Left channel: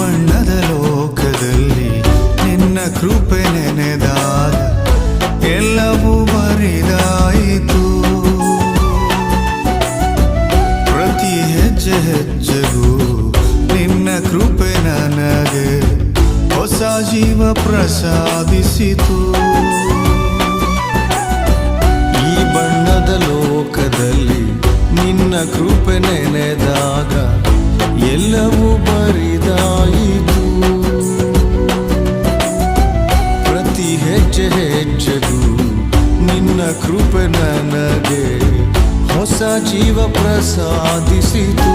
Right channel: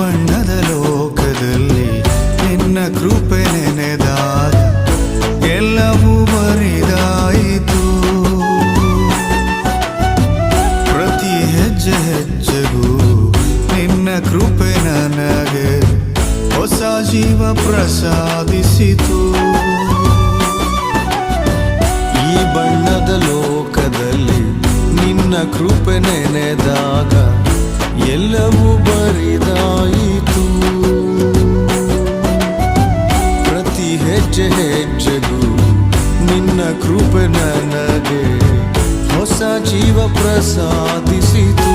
ಬಣ್ಣದ ಲೋಕದಲ್ಲಿ ನಿನ್ನ ಕೃಪೆ ನೆನೆದಾಗ ಎಲ್ಲವೂ ಬರಿದಾಯಿತು. ಪ್ರತಿ ಹೆಜ್ಜೆ ಹೆಜ್ಜೆಗೂ ನಿನ್ನ ಕೃಪೆ ನನಗೆ ಹೊಸ ಜೀವ ಪ್ರಸಾದಿಸಿತು. ಈ ಬಣ್ಣದ ಲೋಕದಲ್ಲಿ ನಿನ್ನ ಕೃಪೆ ನೆನೆದಾಗ ಎಲ್ಲವೂ ಬರಿದಾಯಿತು. ಪ್ರತಿ ಹೆಜ್ಜೆ ಹೆಜ್ಜೆಗೂ ನಿನ್ನ ಕೃಪೆ ನನಗೆ ಹೊಸ ಜೀವ ಪ್ರಸಾದಿಸಿತು.